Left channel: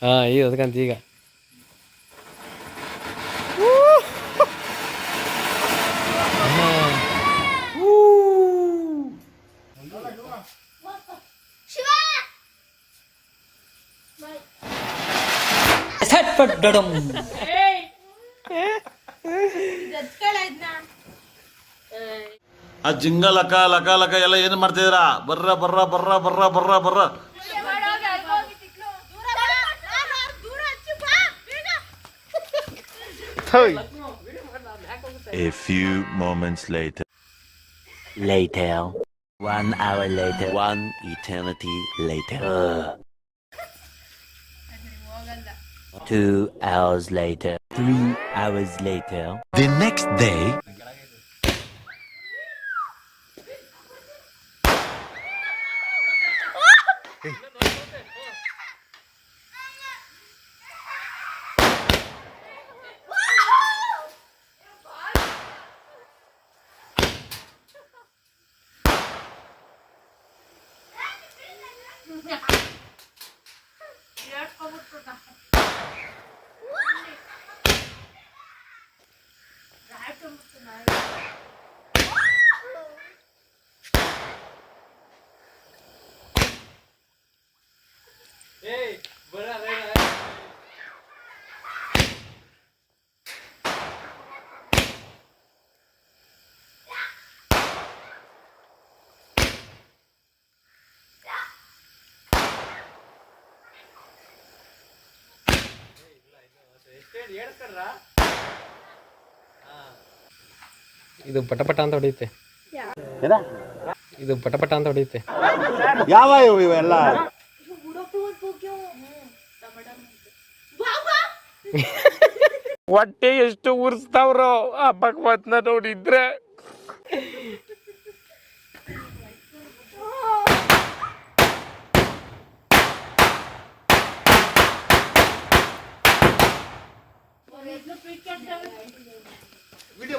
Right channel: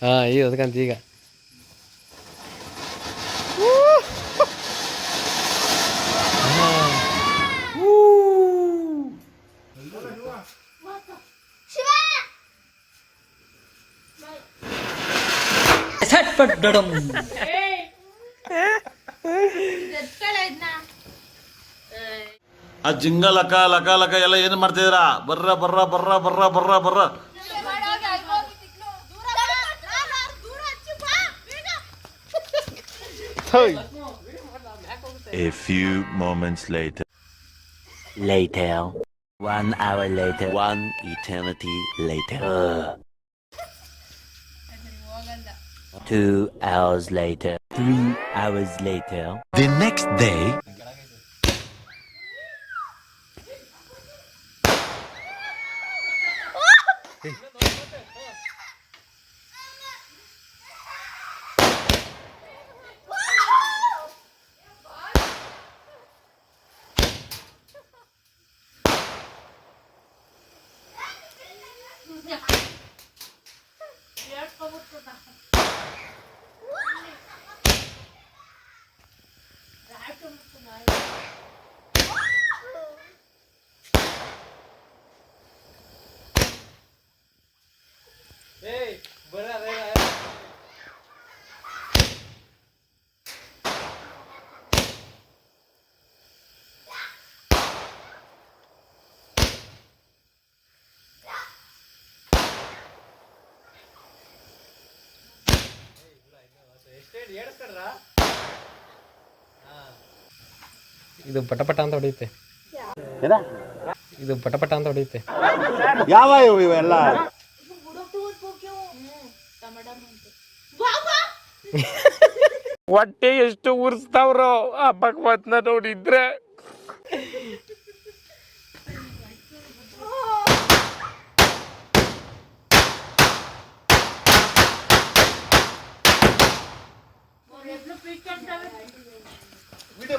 ah iya, itu kantiga, woo, ha, woo, laka laka laka yalle ini marjera, brra brra brra brra brra brra thôi A few moments later Later One hour later One eternity later uh. Two hours later Three hours later The next day ಎಷ್ಟೇ ಎಡ್ಸ್ಕರ್ರಾ ಇದು ಪಟಪಟ ಅಂತ ಹೊಡೆಯುತ್ತೆ ಇದು ಪಟಪಟ ಅಂತ ಹೊಡೆಯುತ್ತೆ ಯಾವ ಇವು ಇವೆಲ್ಲ ಹೊಟ್ಟೆ ಎಷ್ಟು ಉರ್ಸ್ತಾವ್ರು ಆ ಭಗವತ್ನ ನೋಡಿದ್ರೆ ವಿಡಿಯೋ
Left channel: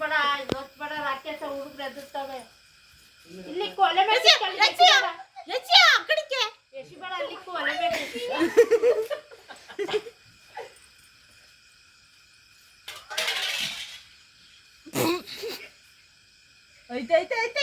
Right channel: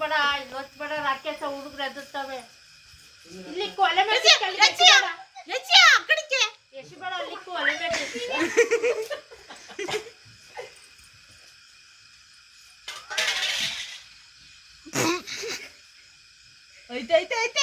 ಬಡ ಗೊತ್ತು ಬಡ ರಾಕೆ ಸಹ ಹುಡುಗರು ಎದುರ್ತಾವೆ ಇಲ್ಲಿ ಕೊಲೆ ಮೇಲೆ ಎಷ್ಟು ಬೇಡ ಅಲ್ಲಿ ಕೊಲೆ ಮೇಲೆ ಐತೆ ಐತೆ ಐತೆ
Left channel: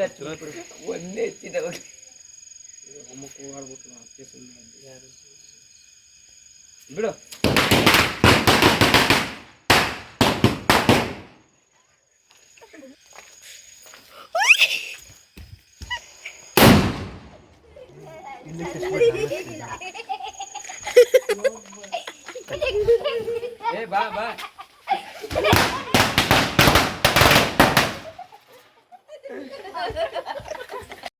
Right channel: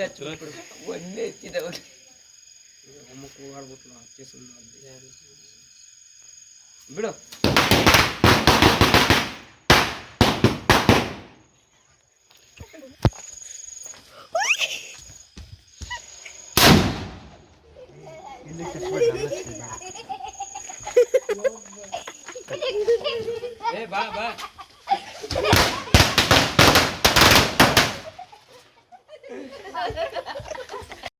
ಅಲ್ಲೇ ಒಂದೇ ಹೆಚ್ಚಿದೆ ಅಮ್ಮಕ್ಕೆ ಓಡಾಡ್ಬಿಟ್ಟು ನಾವು ಅಚ್ಚೆ ಸುಮ್ಮನೆ ಬಿಡು ಏ ಬಾ ಬಾ